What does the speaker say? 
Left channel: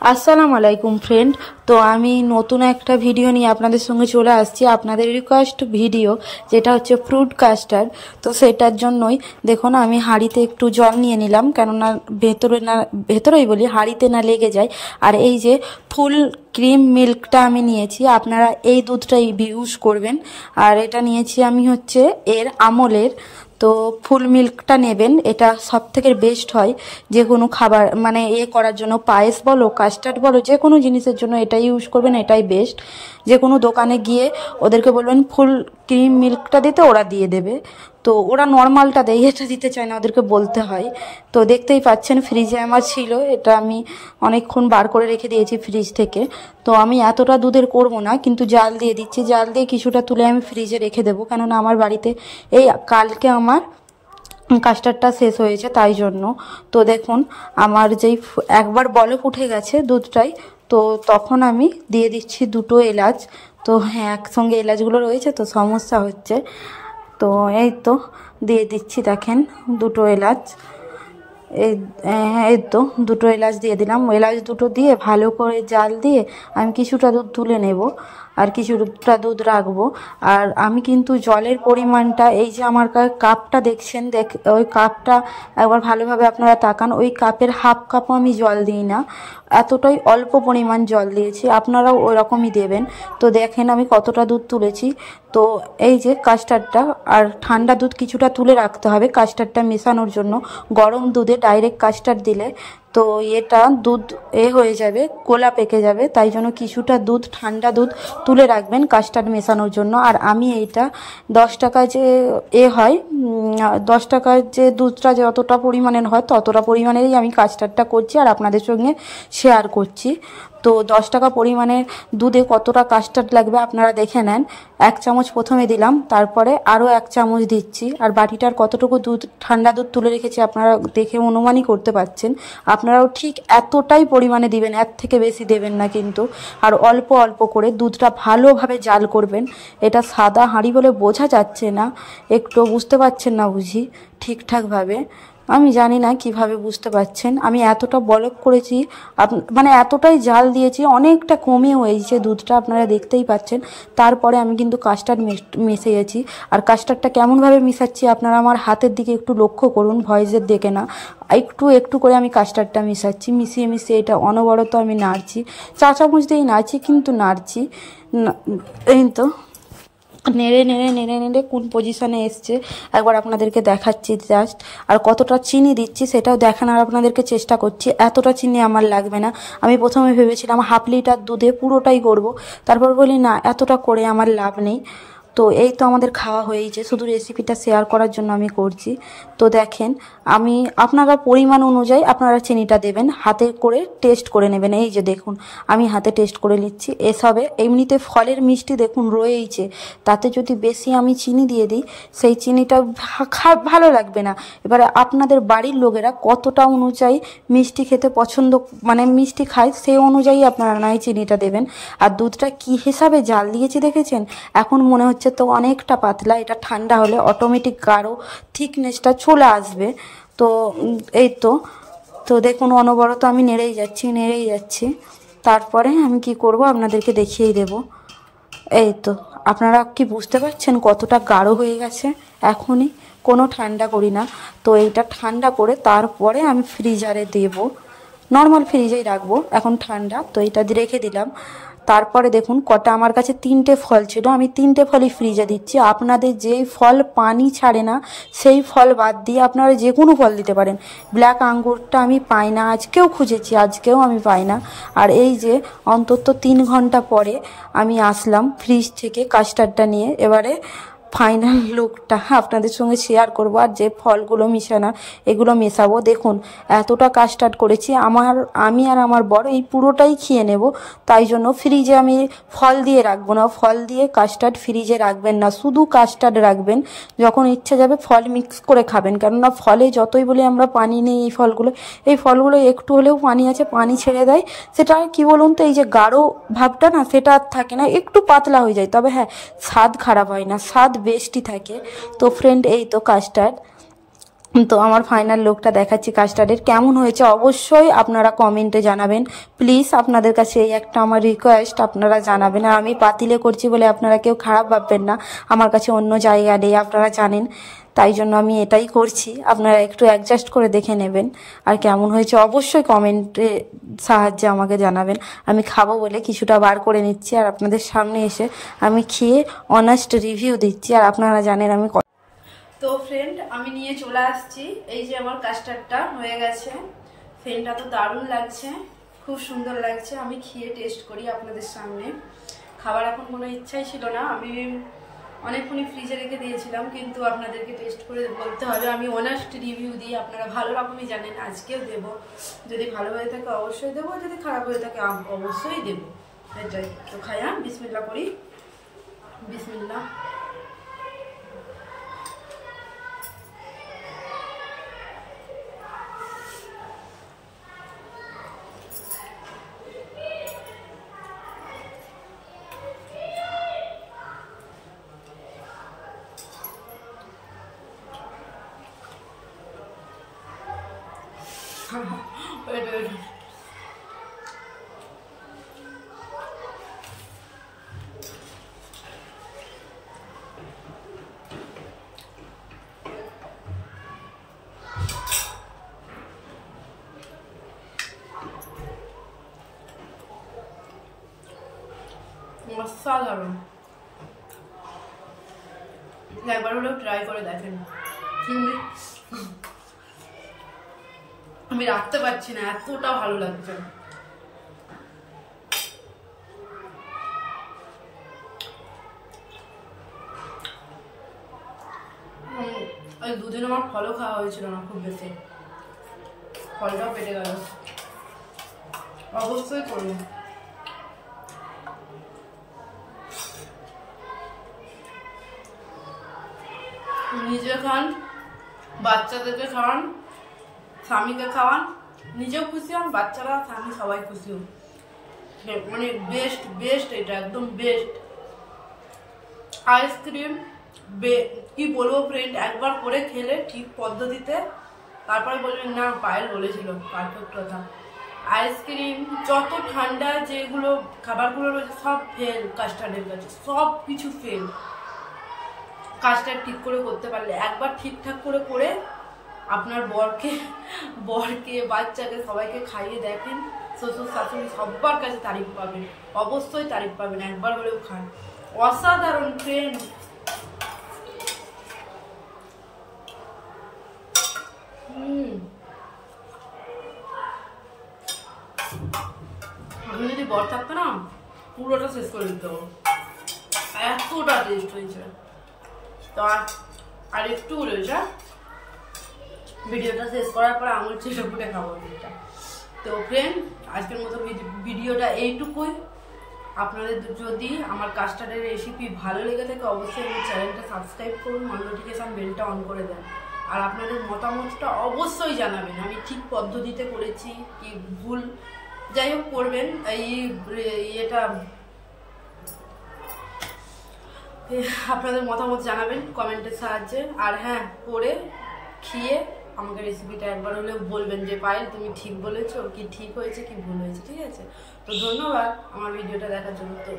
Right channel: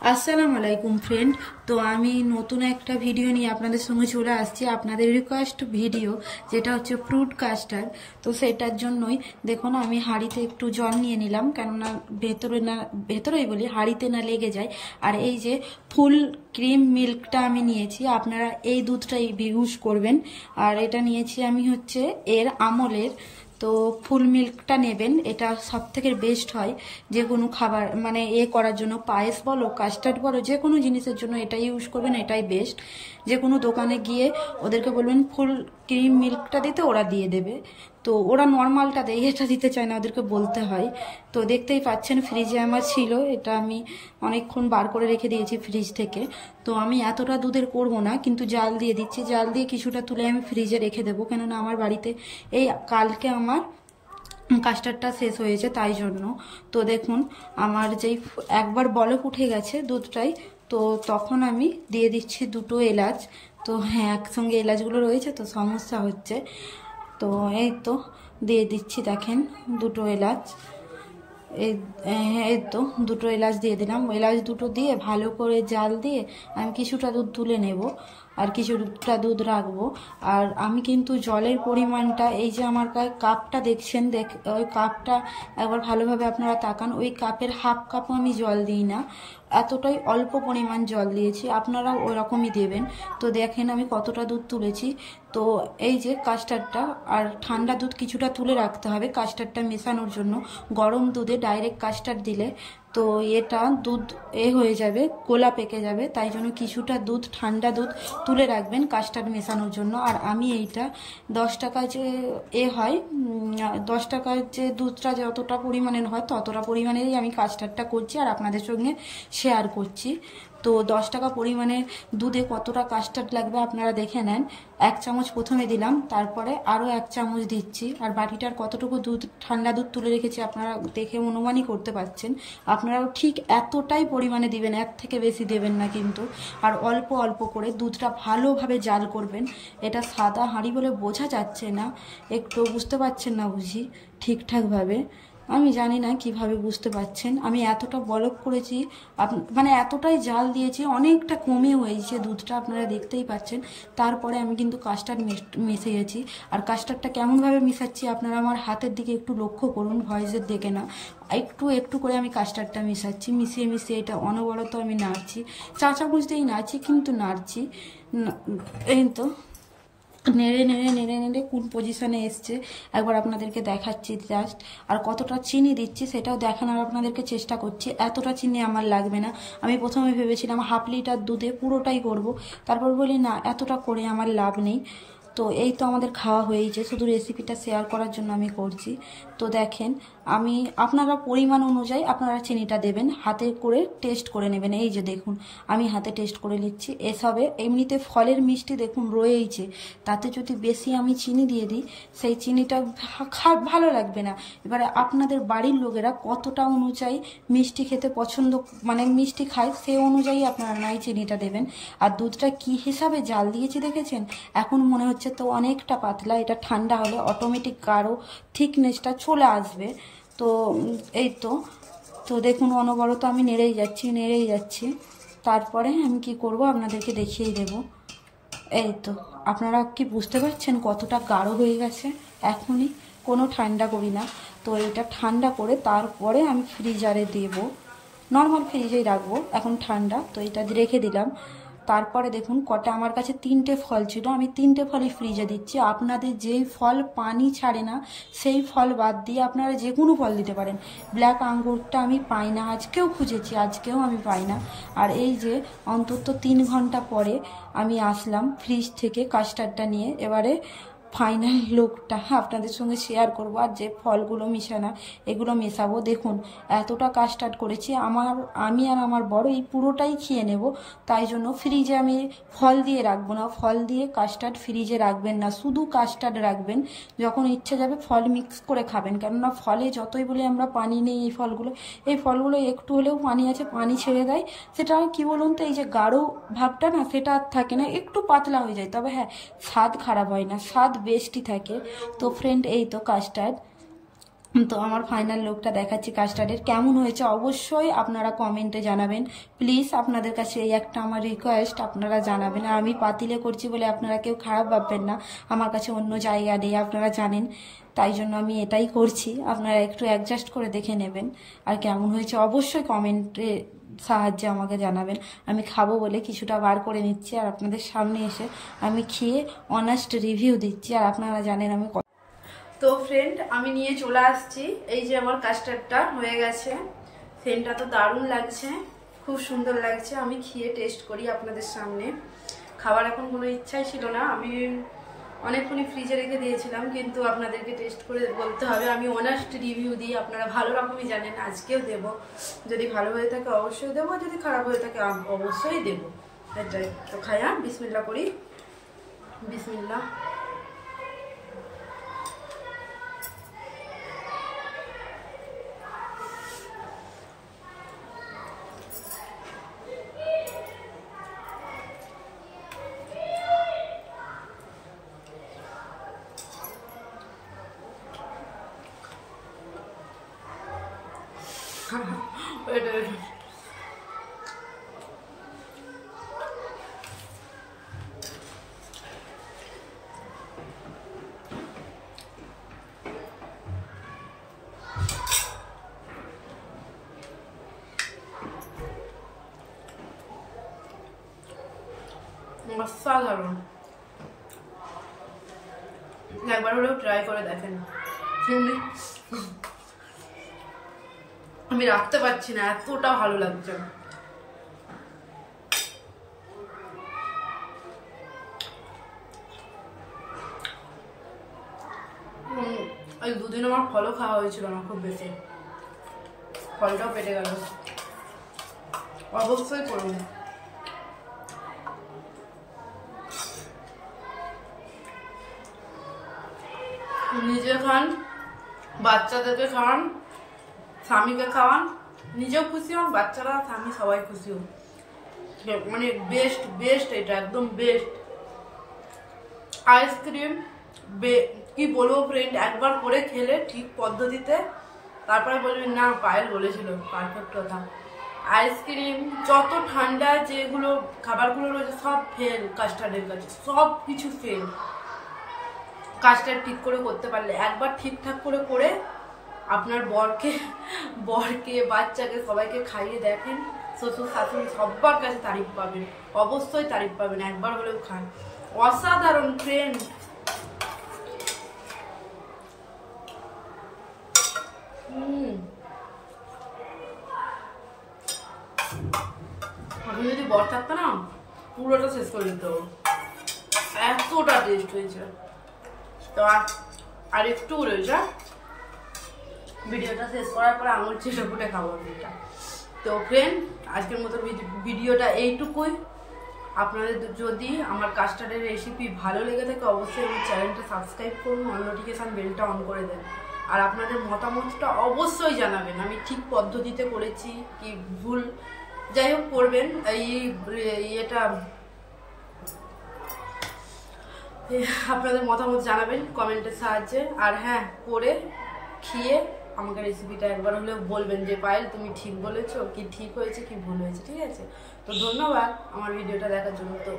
আসসালামু আলাইকুম ফ্রেন্ড। তো আমি নতুন একটা ভিডিও নিয়ে আপনাদের সঙ্গে চলে আসছি, আপনাদের রিকোয়েস্ট ভিডিও, যেটা হচ্ছে ফ্রুট কাস্টার্ড। তো সেটার জন্যই দেখুন আমি হাঁড়িতে একটু জল নিয়ে নিলাম, কেননা ভেতরেই বলি হাঁড়িতে না লেগে যায়। আর এই যে ফুল ক্রিম মিল্কটা আমি নিয়েছি, আপনারা এই দুধটাই ইউজ করবেন। আর এটা নিয়েছি আমি হচ্ছে এর আমলের। তো ফুল মিল্কটা নেবেন, এটা সব থেকে বেস্ট হয় যে কোনো খাবার মানে করার জন্য, পায়েস বলো কাস্টার্ড বলো যে কোনো জিনিসের জন্য এটাই ইউজ করবেন, এটাই বেস্ট। যে কোনো দোকানে গিয়ে ওদেরকে বলবেন ফুল ক্রিম মিল্কটা দিতে, ওরা দিয়ে দেবে। তো ওরা নর্মালটা দেয়, এটা দিতে চায় না, ওদেরকে বলতে হয়। তো দেখতেই পাচ্ছেন ফ্রিজে আমার ছিল, এটা আমি অনেকক্ষণ বার করে রেখে দিয়েছি ফ্রিজ থেকে। তো আমি এতটা দুধের করব না, কিন্তু জাল দিয়ে দিচ্ছি, জাল দিয়ে কিছুটা তুলে আমি ফ্রিজে রেখে দেবো, কেননা আমার বাড়িতে এই কালকে আমার কাস্টার্ডটা শেষ হয়েছে, তাই জন্য। তো দেখুন আমার যেই একবার বলক উঠে গেছে দুধটাই, তো তখন আমি দিয়ে দিচ্ছি দুটো এলাচ। তো হ্যাঁ, একসঙ্গে এলাচগুলো রয়েছে তো সমস্যা হচ্ছে। তো এই তো দিয়ে দিচ্ছি, দেখেন দুটো এলাচ। এই এই তো দুটো এলাচ দিয়ে দিলাম। এলাচ দুটো দিয়ে ভালো করে জাল দিয়ে আমি কিছুটা দুধ তুলে নেব, আর কিছুটা দুধ রাখবো। আর আমি কিন্তু জলের পরিমাণটা, এই যে আমার কাপটা দেখছেন, ওই কাপটা একবার ভালোভাবে আপনারা তাকান, ওই কাপের হাফ কাপও আমি জল দিই না, এতটাই অল্প পরিমাণ জল দিয়েছি, আপনারাও ওই রকমই দেবেন। তো দেখেন আমি কতটা দুধ তুলেছি। তো এই যে কাস্টার্ডটা, আর ঠান্ডা দুধ কিছুটা তুলে রাখতে হবে কাস্টার্ডটা মেশানোর জন্য। গরম দুধে ডাইরেক্ট কাস্টার্ড দিলে তো এটা দুধ হয়ে যাবে, গোলা পেকে যাবে, তাই জন্য কিছুটা দুধ, ঠান্ডা দুধ তুলে রাখবেন কাস্টার্ড মেশানোর জন্য। আর আমি এইটা 10 টাকা যে হয়, 10 টাকার যে দুধটা যতটা পরিমাণের হয় ততটা পরিমাণেরই আমি কাস্টার্ডটা করছি আর আপনাদের সঙ্গে শেয়ার করছি। তো 10 টাকা পরিমাণের দুধে কতটা কাস্টার্ড লাগবে আপনারা দেখে নেন। 1 চামচ প্রথমে দিলাম, তারপরে আরও 1 চামচ দিচ্ছি। আর বাটিটার কতটুকু দুধ, ঠান্ডা দুধ তুলে রেখেছি আপনারা দেখে অনুমানই করতে পারছেন। আপনারাও ঠিক এতটাই পরিমাণে দিবেন, এর থেকে বেশি দেবেন না কিন্তু। আর অল্প অল্প করে দুধটা ভালোভাবে জাল করবেন। এটা সাদা হাঁড়ি বলে বোঝা যাচ্ছে না, একটু বুঝতে পারছেন না বুঝি ঠিকঠাকভাবে। আমি জানি না কিভাবে বুঝতে পারছেন, আমি এতটা বলক করেছি, মানে এতটাই জাল দিয়েছি, অনেকটা কমে হয়েছে দুধটা, আপনারা দেখতেই পাচ্ছেন। তারপরে আমি কিন্তু কাস্টার্ড মিশিয়েছি। আর কাস্টার্ডটা কেমনভাবে মিশাচ্ছি আপনারা আমার হাতের দিকে একটু লক্ষ্য করুন, ভয়েসের দেখে না, একটু একটু করে আমি কাস্টার্ডটা মিশাচ্ছি। মিশিয়ে মিশিয়ে এটা অনবরত আমি নাড়ছি, 4 চামচ দিয়েই নাড়ছি, কিন্তু নাড়ছি। এই তো নেড়ে নেড়ে নেড়ে নেড়ে কোন পজিশনে এসছে একবার আপনাদেরকে দেখাচ্ছি জাস্ট। আর কতটা চিনি দিচ্ছি সেটাও দেখানোর আপনাদেরকে চেষ্টা করছি। এতটা চিনি আমার লাগবে না, আমি প্রথমে ভেবেছিলাম হাফ লিটার দুধে পুরোটাই করব, তারপর বলি না, এতটা করে আমার লাভ নেই। তো এই তো আমাদের খাওয়া হয়েছে, শুধু রেসিপিটা শেয়ার করার জন্য আমি করছি। তো দেখেন আমি, আপনারা পরিমাণ অনুযায়ী আপনারা চিনিটা দেবেন, হাতে করে টেস্ট করে নেবেন। এই যে দেখুন আমি হাতে টেস্ট করে নিচ্ছি। এসবে এমনিতে ফলের মিষ্টি দেখুন রয়েইছে, তাতে যদি বেশি আমি চিনি দিয়ে দিই সেই চিনিটা ভালো লাগবে না। এবারে আপনাদের বাড়ির লোকেরা কতটা অনুযায়ী মিষ্টি খেতে পছন্দ, মানে মিষ্টি খায়, সেই অনুযায়ী আপনারা নয় চিনিটা দেবেন। আর দুধটা কি হিসাবে জাল দিয়েছি দেখেছেন, এখন মনে হচ্ছে তো অনেকটা পাতলা, এটা ঠান্ডা হলে অটোমেটিক গাঢ় থিকনেসটা চলে আসবে। তো এই তো তো দেখুন অনবরত আমি নেড়েই যাচ্ছি। তারপরে আমি কি করব আপনাদেরকে দেখিয়ে দেব। এই তো আপনারা কি বুঝতে পারছেন কতটা গাঢ় হয়ে গেছে এখনই, কোনো ঠান্ডা করি না। তো এইটা ঠান্ডা করে তারপরে আমি ফ্রিজারে দেব, নর্মাল ফ্রিজেই রাখবো, এখন ঠান্ডা। তো এইটা রেখে দিলাম। তারপরে দেখুন কটা, আমার কাছে 3টে ফল ছিল, আমি 3টে ফলই ফ্রিজে দিচ্ছি। আপনাদের যেই ফল পানি ছাড়ে না সেই ফল বাদ দিয়ে আপনারা যে কোনো ফল দিতে পারেন। ব্ল্যাক আঙ্গুরটা আমি পাই না, আজকেও খুঁজেছি, আজকেও আমি পাই না। আর এই যে অন্তত 3 ঘন্টা পরে আমি আসলাম ফ্রিজ থেকে কাস্টার্ডটা নিয়ে, এবারে ফাইনাল লুকটা আপনাদের সঙ্গে শেয়ার করব। আর যে ফলগুলো মিশানো এগুলো মেশাবো, দেখুন এতটা কাস্টার্ড করেছি, আমি আর আমার বড় এই পুরোটাই খেয়ে নেব। তাই জন্য ফ্রিজে আমি ফল দিয়ে রাখবো না, ফল দিয়ে কাস্টার্ড ফ্রিজে রাখবেন না, শুধু কাস্টার্ড রাখবেন। যখন ইচ্ছা যাবে ফল মিক্স করে খাবেন, কেননা ফলে যতই বলি আমরা পানি নেই, এই ফলগুলো একটু হলেও পানি আছে, পানি ছেড়ে দেয়। সেটা কি বলুন তো, এই যে গাঢ় ভাবটা না সেটা আর থাকে না, একটু পাতলা হয়ে যায়, তবে হ্যাঁ স্বাদ খারাপ হয় না, স্বাদ বেস্টই থাকে। তো ফ্রেন্ড এই তো কাস্টার্ড তো আমার ফাইনাল লুকটা দেখাচ্ছি কাস্টার্ডের। কেমন হয়েছে অবশ্যই আপনারা কমেন্টে জানাবেন প্লিজ। আপনাদের কাছে এই একটা আমার রিকোয়েস্ট, আপনারা জানাবেন। আর আমি পাতিলে করছি বলে আপনারা কেউ খারাপ ভাববেন না, আমার কাছে অন্য জায়গা নেই, আপনারা জানেন, তাই জন্য আমি এটাই করছি। আপনারা একটু অ্যাডজাস্ট করে দেখে নেবেন। আর কেমন হয়েছে অবশ্যই কমেন্টে সাহায্যে আমাকে জানাবেন। আমি খাবো বলে কিছুটা বার করে নিচ্ছি আর আপনাদের সামনে এসে আমি খেয়ে অনেস্ট রিভিউ দিচ্ছি। আর আপনারা জানেন আমি তো ফ্রেন্ড আমি নিয়ে চলে আসছি, এই যে আমার কাস্টার্ডটা হয়ে গেছে। ফ্রেন্ডটা তো দারুণ লাগছে, খুব সুন্দর লাগছে। আমি খেয়ে টেস্ট করি আপনাদের সামনে। খাবার এখন কোনো ইচ্ছাই ছিল না, আমি অনেকক্ষণই ফ্রিজে রেখে দিয়েছিলাম, কিন্তু আপনাদেরকে টেস্ট করে বলতে হবে। আমি অনেস্ট রিভিউ দিই, আপনারা ভালো রকমই জানেন, আজকেও দেব। যদি ভালো হয়ে থাকে অবশ্যই দেবো, যদি খারাপ হয়ে থাকে অবশ্যই দেবো, এটাই। তো খাইয়া বিসমিল্লাহ করি, বিসমিল্লাহ। wait. অসাধারণ, একবার হলেও ট্রাই করে দেখেন। আমি রাখতে পারছি না, এতটা ভালো লাগছে। ওই দুদিন আমার ফলও খাওয়া হয়েছিল না খুব বেশি, ফলটাও পেটে গেল। অবশ্যই করুন। নিজে খান, বাচ্চাদেরকে খাওয়ান, স্বামীকে খাওয়ান, নিজেও খুশি হন, বাচ্চারা স্বামী সবাই খুশি হন। মানে বেস্ট বেস্ট, এটা একদম বেস্ট আইসক্রিম। কি বলবো ফ্রেন্ড, একবার করে খেলে ঠিক পদ্ধতিতে তারপরে বলবেন না পায়েল বলেছিল, পারফেক্ট কথা। আইসক্রিম যত ঠান্ডা যেগুলো খাবারগুলো রয়েছে সব ফেল কাস্টার্ডের কাছে, সব কিছু ফেল। কাজটা ঠিক করে করতে পারলে, একবার ঠিকঠাক করে করে আপনার বরকে বাচ্চাকে সবাইকে খাইয়ে দেখেন, শ্বশুর শাশুড়ি সবার কাছে তারিফ পাবেন, অবশ্যই তারিফ পাবেন। একবার হলেও খান, অসাধারণ ফ্রেন্ড। এখন যদি বর থাকতো না পুরোটা শেষ করে দিত, এতটা টেস্ট হয়েছে। তো আর একটু রয়েছে, ভিডিওটা শেষ করার পর আঙুল চেটে ফুটে খাবো এটা। তো ফ্রেন্ড আজকের মতো ভিডিওটা এইটুকুই। আপনাদের যদি আমার কাস্টার্ডের রেসিপি ভালো লেগে থাকে অবশ্যই আমার চ্যানেলটা সাবস্ক্রাইব করুন, অল নোটিফিকেশান বেলটা অন করে দেন। আর আপনাদের মতামতটা অবশ্যই জানাবেন, আমি ঠিক পদ্ধতিতে করেছি কি ভুল, যাই হোক করবেন। এটা আপনাদের মতামত জানাবেন কমেন্টের সাহায্যে। আর হ্যাঁ, করে খেয়ে আমাকে রেসিপিটা একবার হলেও বলবেন যে পায়েল তুমি ঠিক বলেছো, কি ঠিক হয়েছে কি ভুল হয়েছে, ঠিক আছে? তো ধন্যবাদ আমার ভিডিওটা দেখার জন্য। তো